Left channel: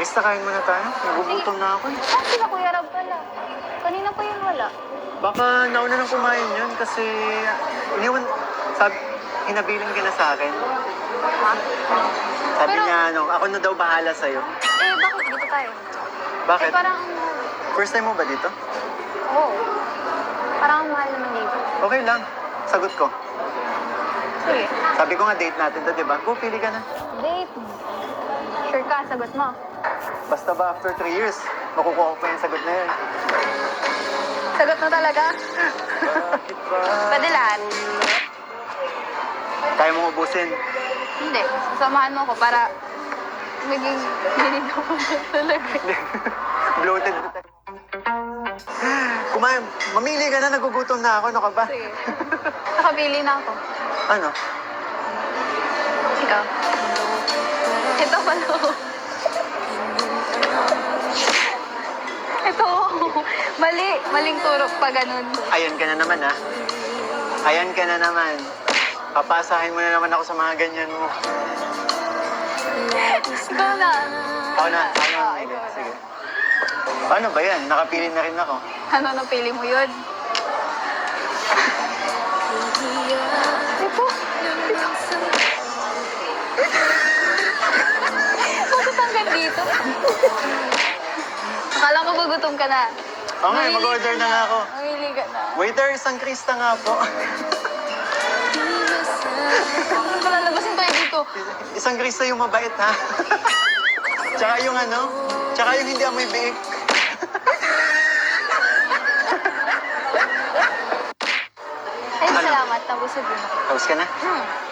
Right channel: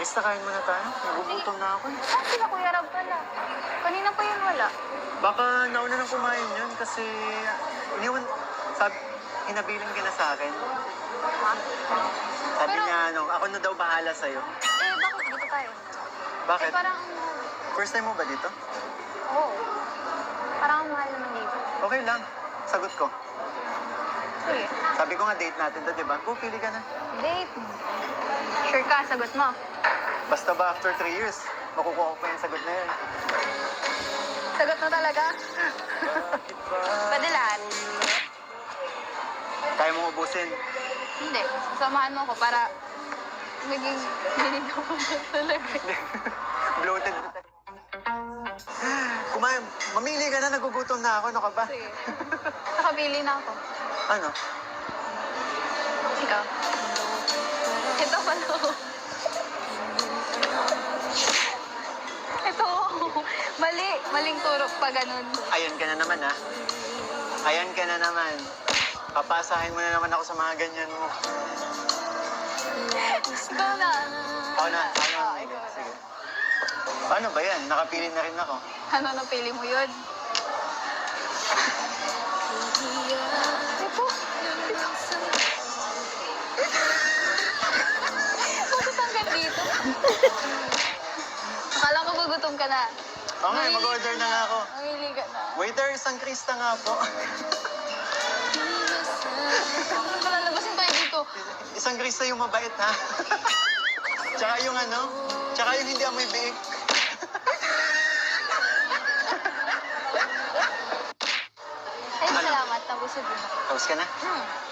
Krista, kain muna tayo. Nagugutom na ako. Ah, sila Kuya Rab pala. Kanina pa yun wala. Baka nauna nang kumain yun kasi iniwan, sabi, hinabilin ka na sa akin. Ha? Sabi Pero- niya, ako na daw bahala sa'yo. Eh, bakit dito tayo? Bakit? Eh, parang... First time mo ba dito? Oo. Parang ang mahal naman dito. Okay lang. Sagot ko. Sige. Sabi ko nga date natin to, di ba? Go, pili ka na. Date. Sure ka, sagot mo. Basta ba after 3 years, makukuha ko pa yung sagot na yun. Sagot mo talaga? Pwede lahat. Kaya mo ubusin. Hindi. Sasamahan mo ko para maging ginagawa mo talaga. Bloated na tayo. Kumain, mamili ka na, nagugutom na ako. Ano ka ba? Sige. Nakabili na ako. Ano? Ikaw. Ito pala. Ito. Mali. Maling turok pa ganun. Ayan ka na naman, ha? Ayan ka na naman. Papasahin mo na naman ako sa mga ganyan mo. Ikaw na. Ako na. Ah, ikaw na. Sige. Paano ba yan? Nakapili na rin ako. Ano napili mo yun? Ito. Bakit hanggang dito? Akala ko gugutom ka na. Oo nga, mag-order na nga ako. Mamili ka na. Waiter, isang Krista nga po. Palalabasin tayo dito. Isang Krista yung mabait, ha? Tsaka yung tsaka yung hindi amoy biik. Ay, salamat. Nabusog yun ako. Tapos ka na? Hmm.